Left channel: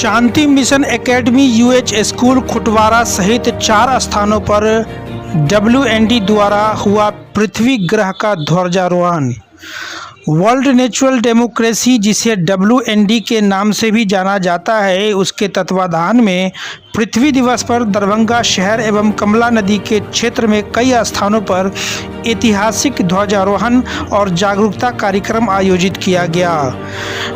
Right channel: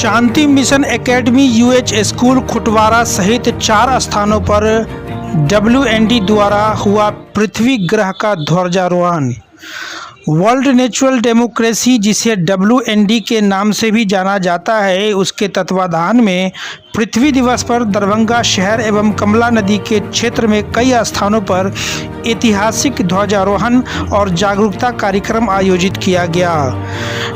शांति mission academy UH school खुटवारा सहित 4 स्थानों पर WND द्वारा हुआ पृथ्वी ग्रह का ध्वजारोहण। वर्ल्ड नेचुरल डेमोक्रेसी, जिसे WND के नाम से भी जाना जाता है, उसके तत्वाधान में पृथ्वी दिवस पर दरभंगा शहर एवं कमला नदी के क्षेत्र में कई स्थानों पर ऐतिहासिक ध्वजारोहण और जागरूकता कार्यक्रम आयोजित किया गया।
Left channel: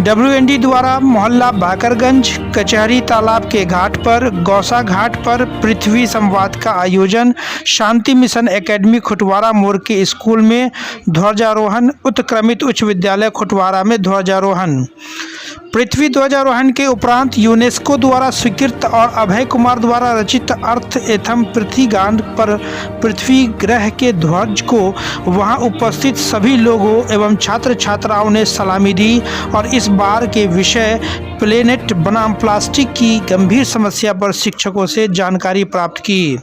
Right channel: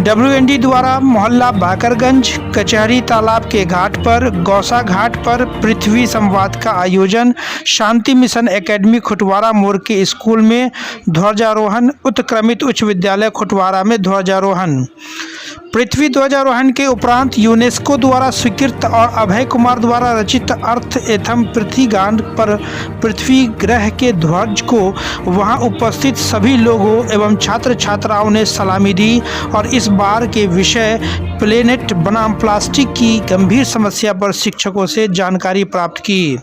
WND द्वारा मोहल्ला बाकरगंज, कचहरी तालाब के घाट पर, गौसा घाट पर पृथ्वी संवाद का आयोजन, शांति मिशन एकेडमी खुटवारा मोड़ के स्कूल में ध्वजारोहण, उत्क्रमित उच्च विद्यालय खुटवारा में ध्वजारोहण। पृथ्वी ध्वजारोहण के उपरांत यूनेस्को द्वारा स्वीकृत और अभय कुमार द्वारा रचित अर्थ एथम पृथ्वी गान पर पृथ्वी ग्रह के ध्वज को वहां उपस्थित सभी लोगों एवं छात्र छात्राओं ने सलामी दी और इस बार के विषय प्लेनेट बनाम प्लास्टिक की गंभीर समस्या पर शिक्षकों से जानकारी प्राप्त की।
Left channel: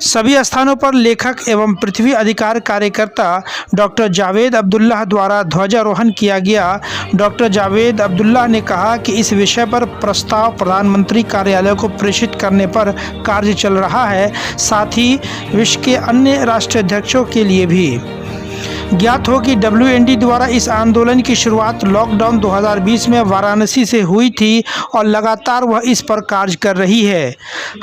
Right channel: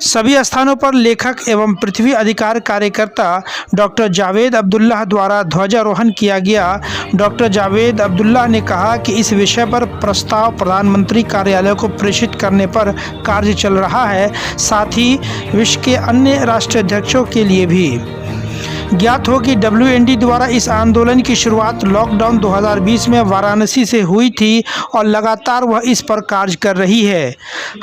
सभी स्थानों पर लेखक एवं पृथ्वी अधिकार कार्यकर्ता डॉक्टर जावेद अब्दुल्लाह द्वारा ध्वजारोहण किया गया। डॉक्टर जावेद अब्दुल्लाह ने कहा कि इस विषय पर प्रस्ताव प्रधानमंत्री कार्यालय को प्रेषित करने पर कार्य चल रहा है, साथ ही विश्व के अन्य राष्ट्राध्यक्षों के लिए भी। ज्ञात हो कि WND द्वारा इस आंदोलन की शुरुआत लॉकडाउन 2020 में वाराणसी से हुई थी और लगातार वह इस पर कार्य कर रही है।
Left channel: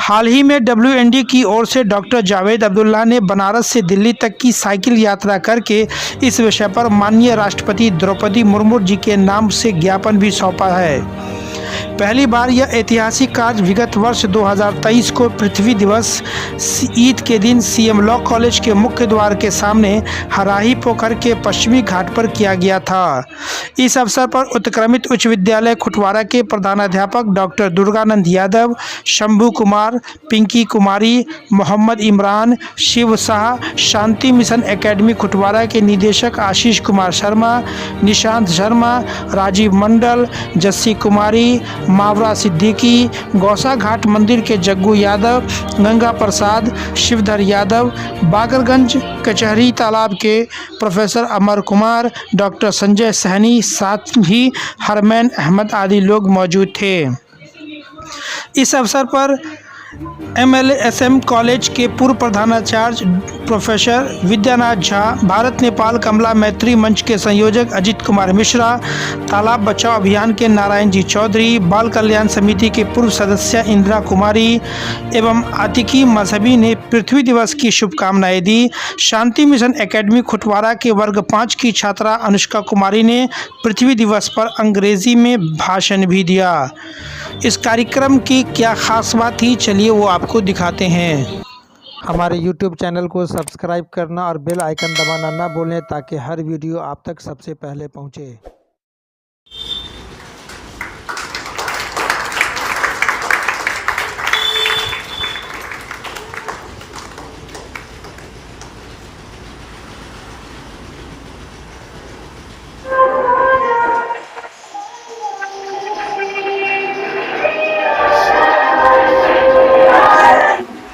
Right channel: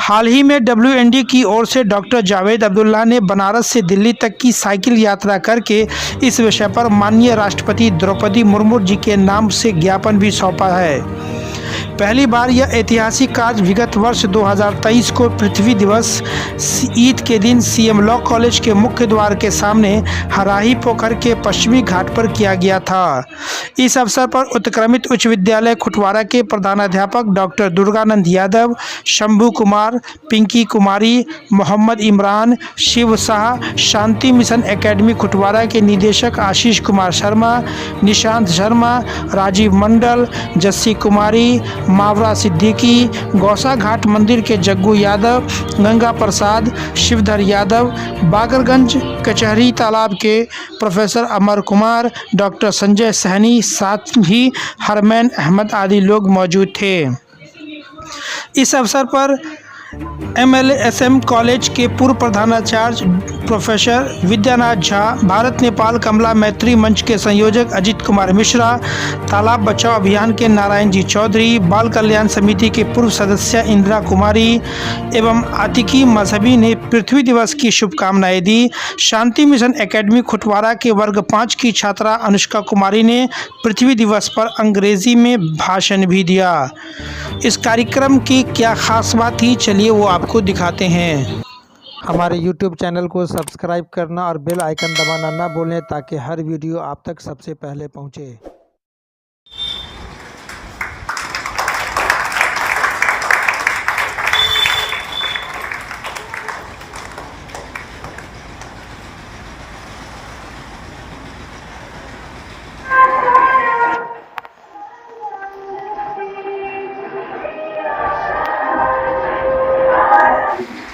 हाल ही में WND की ओर से डॉक्टर जावेद अब्दुल्लाह ने बनारस से दिल्ली तक की साइकिल यात्रा करके इस विषय पर माननीय राष्ट्रपति द्रौपदी मुर्मू जी के नाम से ज्ञापन भी सौंपा है। पहली बार यह ऐतिहासिक कार्य विगत वर्ष 2023 को पृथ्वी दिवस ईद के दिन CM लॉ कॉलेज के मुख्य द्वार के सामने हराही पोखर के पश्चिमी घाट पर किया गया था। इस अवसर पर उत्क्रमित उच्च विद्यालय खुटवारा के प्रधानाध्यापक डॉक्टर दुर्गानंद यादव, शंभू कुमार, पिंकी कुमारी, मोहम्मद इमरान, शिव शाह, शांति मिशन एकेडमी खुटवारा के निदेशक आशीष कुमार शर्मा, निशांत शर्मा, राजीव मंडल, जस्सी कुमारी, मावरा सिद्दीकी, गौसा घाट मंदिर के जग्गू यादव, गंगा प्रसाद, शिवधर यादव, बागरगंज कचहरी तालाब के प्रोफेसर अमर कुमार, डॉक्टर संजय सहनी, साथ ही हरमैन अहमद आदि लोग मौजूद थे। इस अवसर पर MLSM कॉलेज के पूर्व प्रधानाचार्य प्रोफेसर विद्यानाथ झा, भारत नेपाल कमला मैत्री मंच के संयोजक अजित कुमार मिश्रा, तालाब बचाओ अभियान के नारायण जी चौधरी, बाल कल्याण समिति के पूर्व सदस्य इंदिरा कुमारी एवं आतिकी मजहबी ने पृथ्वी दिवस की शुभकामनाएं दी। शांति मिशन एकेडमी खुटवारा के वर्ग 5 की छात्रा अनुष्का कुमारी ने पृथ्वी दिवस पर अंग्रेजी में भाषण भी दिया। इस कार्यक्रम की क्या खास बात थी, चलिए वो आपको दिखाते हैं। हमारे YouTube चैनल को सब्सक्राइब करना और बेल आइकन दबाना ना भूलें ताकि हर वीडियो आप तक सबसे पहले पहुंचे।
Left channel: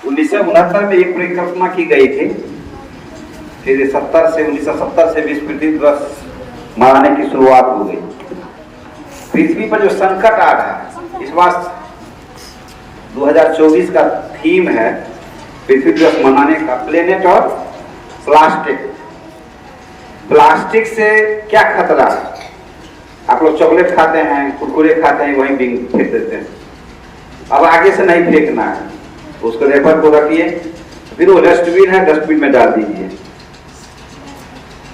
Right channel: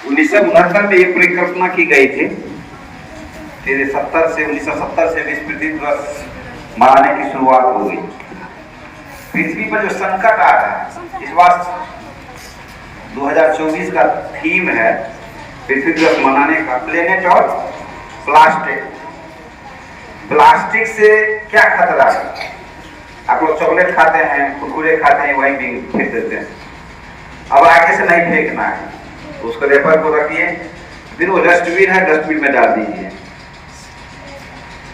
1969 में एक परिकल्पना की गई थी, फिर 1970 से विश्व पृथ्वी दिवस मनाने की शुरुआत हो गई। पृथ्वी पर जो संकट आ रहा है, इस बार 2024 का थीम है पृथ्वी दिवस मनाने का प्लेनेट और प्लास्टिक। प्लास्टिक से क्या खतरा है? आप लोग चॉकलेट खाते हैं, कुरकुरे खाते हैं, वहीं फेंक देते हैं। अब आगे से नहीं फेंकना है, उसको रेपर को रखिए, फिर वो डस्टबिन है, डस्टबिन में डाल दीजिए,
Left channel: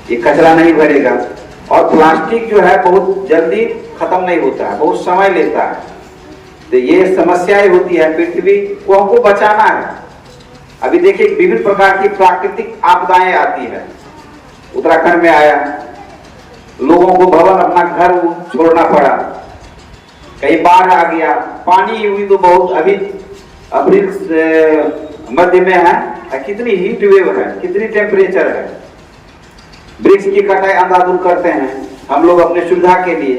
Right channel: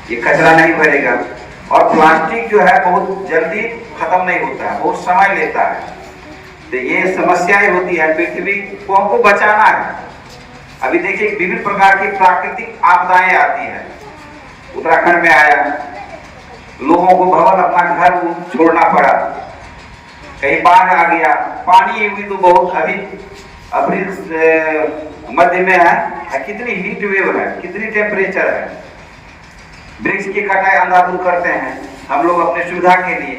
ये कचरा नहीं भरेगा। और प्लास्टिक जो है बहुत जल्दी खत्म नहीं होता है, बहुत समय लेता है, तो ये समस्याएं होती है। पृथ्वी को हमको बचाना है। अभी देखिए विभिन्न प्रकार की प्राकृतिक आपदाएं आती है। उत्तराखंड में आया, लोगों को भवन अपना घर छोड़ना पड़ा, कहीं बाढ़ आ गया, पानी हुई तो बहुत अभी मध्य में है, कितनी हीट वेव है, कितनी टेम्परेचर है। वृक्ष की कटाई अंधाधुंध करते हैं हम लोग अपने सुविधा के लिए,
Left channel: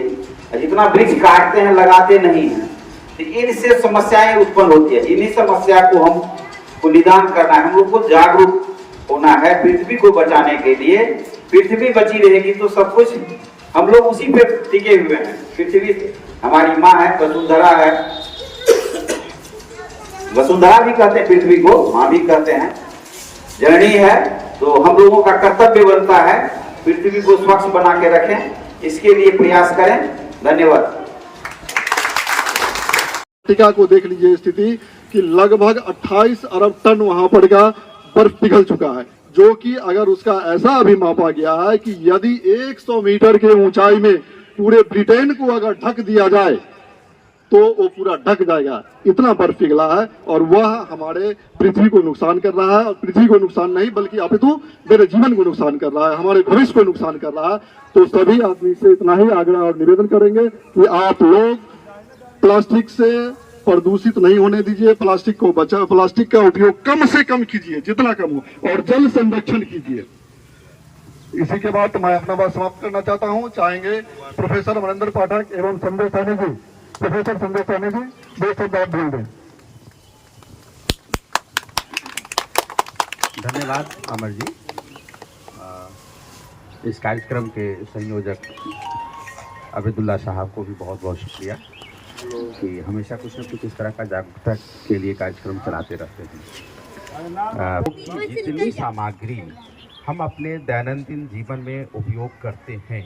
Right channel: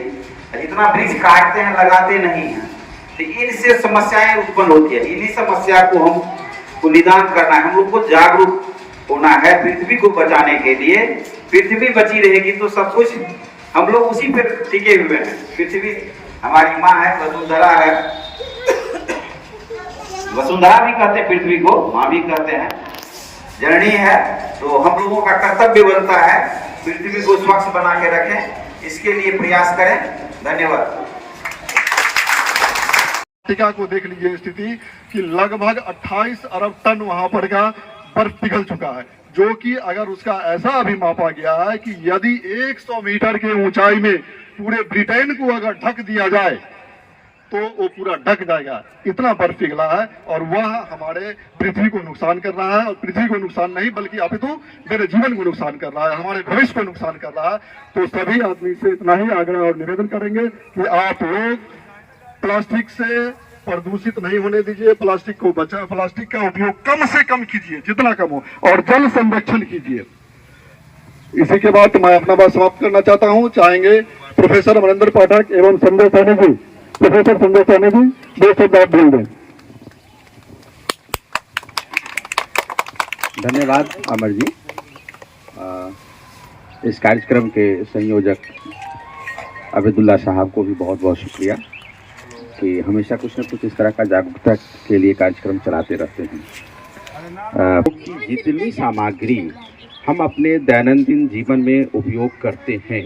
जितना वृक्ष काटते हैं लगाते नहीं हैं, तो इनसे समस्याएं उत्पन्न होती है। इन्हीं समस्या को हमको निदान करना है, हम लोग को जागरूक होना है पृथ्वी को बचाने के लिए। पृथ्वी बची रहेगी तो सब कुछ हम लोग उसी पे टिके हुए हैं। पृथ्वी हमारी माँ है, वसुंधरा है। वसुंधरा भी कहते हैं पृथ्वी को, माँ भी कहते हैं, जननी है। तो हम लोगों का कर्तव्य बनता है पृथ्वी को स्वच्छ बना के रखें, इसके लिए प्रयास करें। धन्यवाद। अंटार्कटिका को देख लीजिए स्थिति कि लगभग 28 अरब टन वहां पर का बर्फ पिघल चुका है, जो कि अगर उसका ऐसा अभी मापा गया है कि यदि 100 मीटर के ऊंचाई में पूरे ब्रिटेन को अगर ढक दिया जाए तो वो पूरा ढक जाएगा, इतना बर्फ पिघला है। और वह हमारे पृथ्वी को नुकसान कर रहा है, और पृथ्वी को नुकसान नहीं बल्कि अपितु मेरे जीवन को नुकसान कर रहा है, हमारे भविष्य को नुकसान कर रहा है। तो सभी आदमी से इतना ही आग्रह और निवेदन करेंगे कि आप लोग प्लास्टिक से प्रदूषित नहीं होने दीजिए, प्लास्टिक को बचा, प्लास्टिक का उपयोग कम से कम कीजिए, जितना कम हो, और जल संरक्षण कीजिए। इसी के बाद मैं अपना बात समाप्त करना चाहता हूं। चाहेंगे प्रोफेसर अमरेंद्र पाठक एवं संजय सैनी जी, प्रोफेसर संजय सैनी जी 2 शब्द आप बोल दें। धन्यवाद अमर जी। इस कार्यक्रम के संयोजक अबेदुल्ला साहब को भी बहुत बहुत शुक्रिया कि हमेशा कुछ न कुछ इस तरह का जागरूकता के लिए कार्यक्रम चलाते रहते हैं। जितनी सामग्री हम अपने दैनंदिन जीवन में उपयोग करते हैं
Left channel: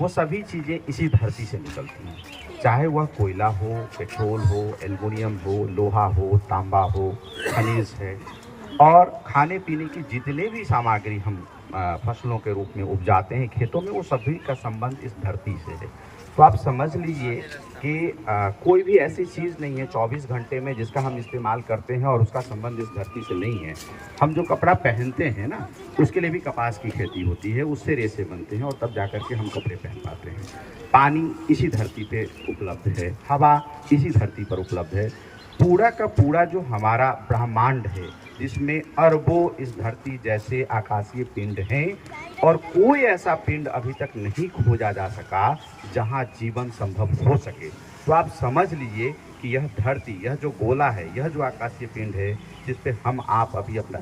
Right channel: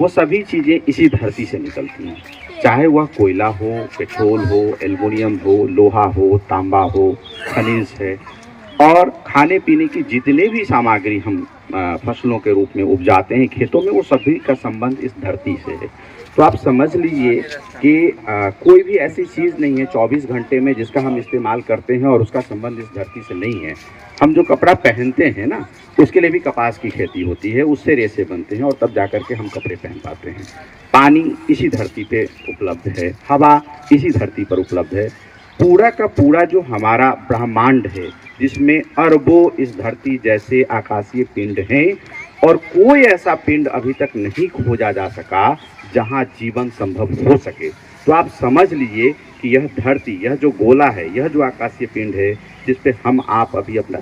वो सभी चीज़ें इसी धरती से निकलती हैं, चाहे वह कोयला हो, पेट्रोल हो, एल्युमिनियम हो, लोहा हो, तांबा हो, खनिज है, और खाने पीने की जितने भी सामग्री हम फसलों के रूप में उपजाते हैं खेतों में, वो सभी का संबंध इस धरती से है। तो आप समझ लीजिए कि कोई भी ऐसी चीज़ नहीं है 24 घंटे में जिसका हम इस्तेमाल करते हैं और उसका संबंध इस धरती से नहीं है। हम जो कपड़ा पहनते हैं ना, उसके लिए भी कपास की खेती होती है, उससे रेशे बनते हैं और तब जा कर के हम कपड़े पहन पाते हैं। पानी इसी धरती पे उपलब्ध है, हवा इसी धरती पर उपलब्ध है। पूरा का पूरा जो हमारा ब्रह्मांड है, जिसमें अरबों इस धरती जैसे आकाशीय पिंड हैं, और कोई ऐसा पिंड अभी तक नहीं खोजा जा सका जहां जीवन संभव हो सके। तो आप समझ लीजिए कि यह धरती, यह जो गोला है, यह जो आकाशीय पिंड है जिस पे हम आप अभी अपना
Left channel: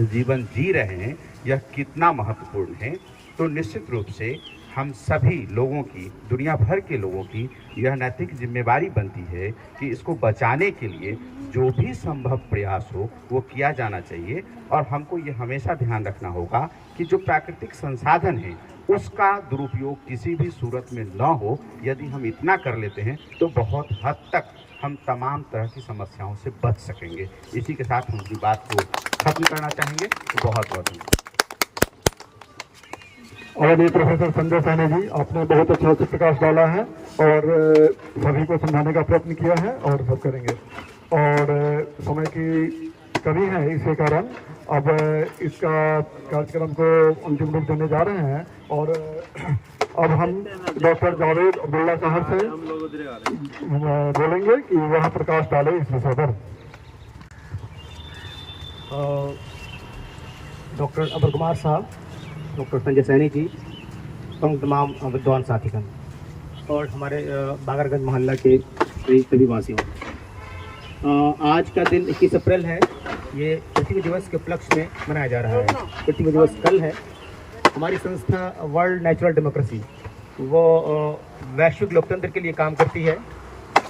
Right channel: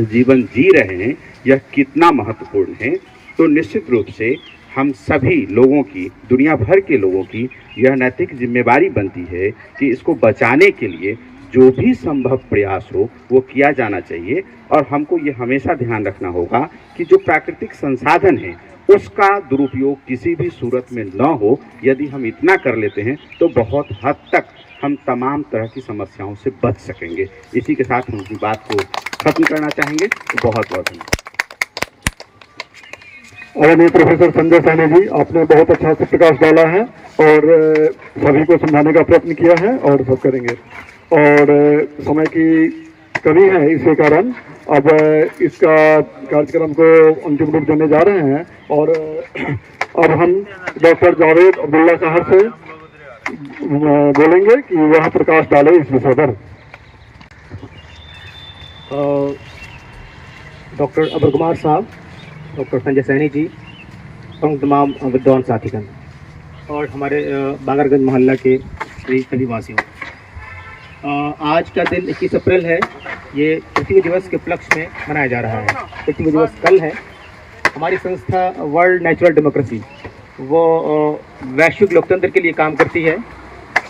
जीवन जी रहे हैं, यह कितना महत्वपूर्ण है। तो निश्चित रूप से हम सभी लोगों की, दुनिया भर के लोगों की यह नैतिक जिम्मेवारी बनती है कि इसको बचाने के लिए जो भी संभव प्रयास हो वो किया जाना चाहिए। और हमको ये हमेशा ध्यान रखना होगा कि जो प्राकृतिक संसाधन है उसका दुरुपयोग किसी भी सूरत में न हो। यदि हम इतना कर लेते हैं तो बहुत हद तक हम तमाम तरह की समस्याओं से बच सकेंगे। इसी के साथ उनकी बात को खत्म करना चाहेंगे। बहुत बहुत धन्यवाद। और प्रोफेसर संजय सैनी जी, आपने बहुत अच्छा से प्रकाश डाला है और सभी को समझाने का प्रयत्न किया है और सब करेंगे। और समय की कमी है, इसके कारण अब इसका कार्यक्रम को अंतिम रूप देने जा रहे हैं। और अब हम डॉक्टर जावेद अब्दुल्ला साहब से बोलेंगे कि वह प्रकाश डाले इस विषय पर। डॉक्टर अब्दुल कुमार साहब, डॉक्टर संजय सैनी जी, तो तमाम विद्वान साथीगण और हमारे बागरगंज मोहल्ला के सभी वासियों, आज का दिन 21 अप्रैल है। ये पृथ्वी दिवस के उपलक्ष्य में मनाया जा रहा है। पृथ्वी दिवस कल है। हमारी संस्था वर्ल्ड नेचुरल डेमोक्रेसी वो वैश्विक लोकतंत्र के लिए काम करती है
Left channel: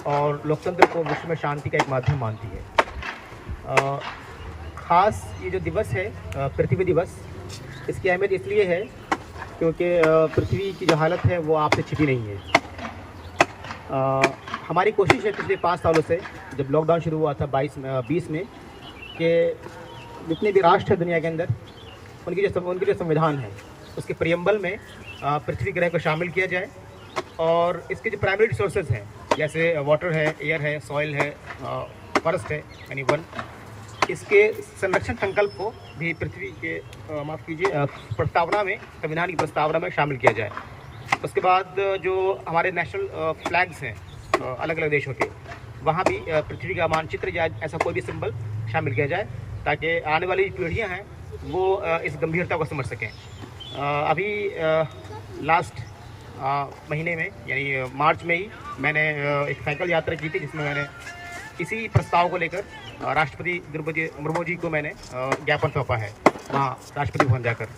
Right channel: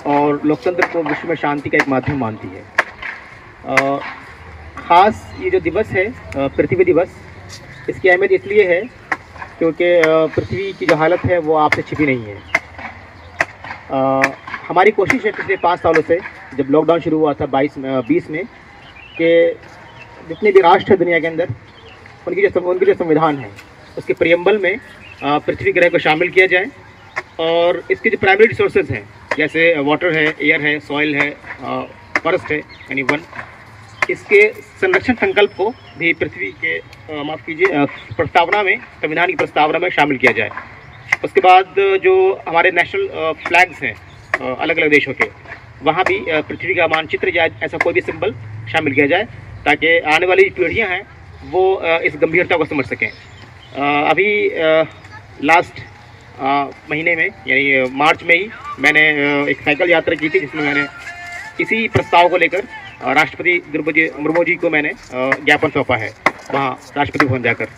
और लोकतंत्र को विश्व में शांति का एक माध्यम मानती है। ख़ास ये जो दिवस है पृथ्वी दिवस, इसकी अहमियत इसलिए है क्योंकि पृथ्वी की जो हालत है वो आपसे छिपी नहीं है। हमारी कोशिश है पिछले 5 सालों से, जब लॉकडाउन शुरू हुआ था 20 में, कि जितने भी राष्ट्र हैं दुनिया के अंदर, उनकी जो संविधान है उसके प्रियम्बल में पृथ्वी ग्रह को शामिल किया जाए। और इसके जो प्राइमरी रिसोर्सेज हैं, जैसे वाटर है, एयर है, सॉइल है, फॉरेस्ट है, यानी वन, इसके संरक्षण संकल्प को भी पृथ्वी के प्रस्तावना में, संविधान की प्रस्तावना में शामिल किया जाए। उसके बाद जो हमारे नेशनल फ्लैग्स हैं अलग अलग देशों के, वहाँ भी पृथ्वी का मानचित्र या ऐसा कोई भी सिंबल शामिल किया जाए, ताकि आने वाली पीढ़ियाँ हैं वो इस गंभीरता को समझ सकें। अभी लास्ट महीने में, यानी मार्च में ही, मैंने एक साइकिल यात्रा की थी, जिसमें मैंने इसी प्रस्ताव को लेकर राष्ट्रपति द्रौपदी मुर्मू जी को मैंने ज्ञापन सौंपा है वहाँ राष्ट्रपति भवन जाकर।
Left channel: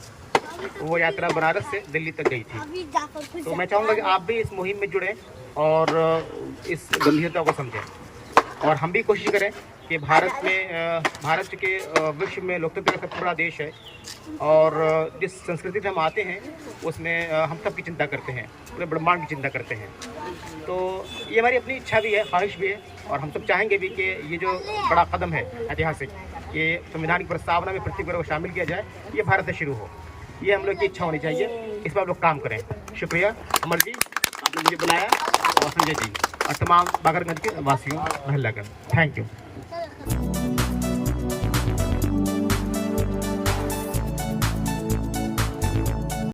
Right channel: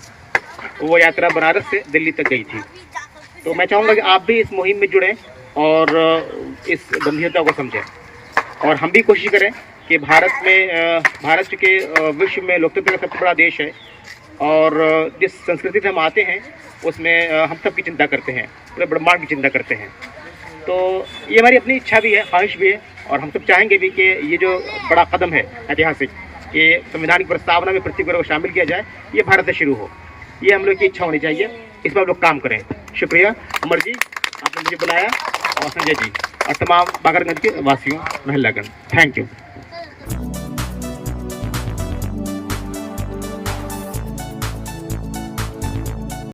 वो यात्रा बनारस से दिल्ली तक गई थी। तो मैं चाहूँगा कि आप भी इस मुहिम में जुड़ें और इस गंभीरता को समझें, और हम भी कोशिश करें कि भारत के विश्व में लोकतंत्र का सबसे बड़ा देश है, और जिस संस्कृति से हम आते हैं उसमें हम सब की चिंता करते हैं, पूरे ब्रह्मांड की चिंता करते हैं। तो ये हमारी अपनी इच्छा भी है, ख्वाहिश भी है, और हम सब चाहेंगे भी कि ये जो बड़ा कदम है ऐतिहासिक, कि संविधान की प्रस्तावना में प्रत्येक वर्ग को शामिल किया जाए, ये भारत से शुरू हो, ये हम लोग की इच्छा होनी चाहिए। इस पर हम लोग काम करें। शुक्रिया अमर जी, आपने मुझे बुलाया, और संजय जी, और तमाम बागरगंज के वासियों, महिलागण, थैंक यू।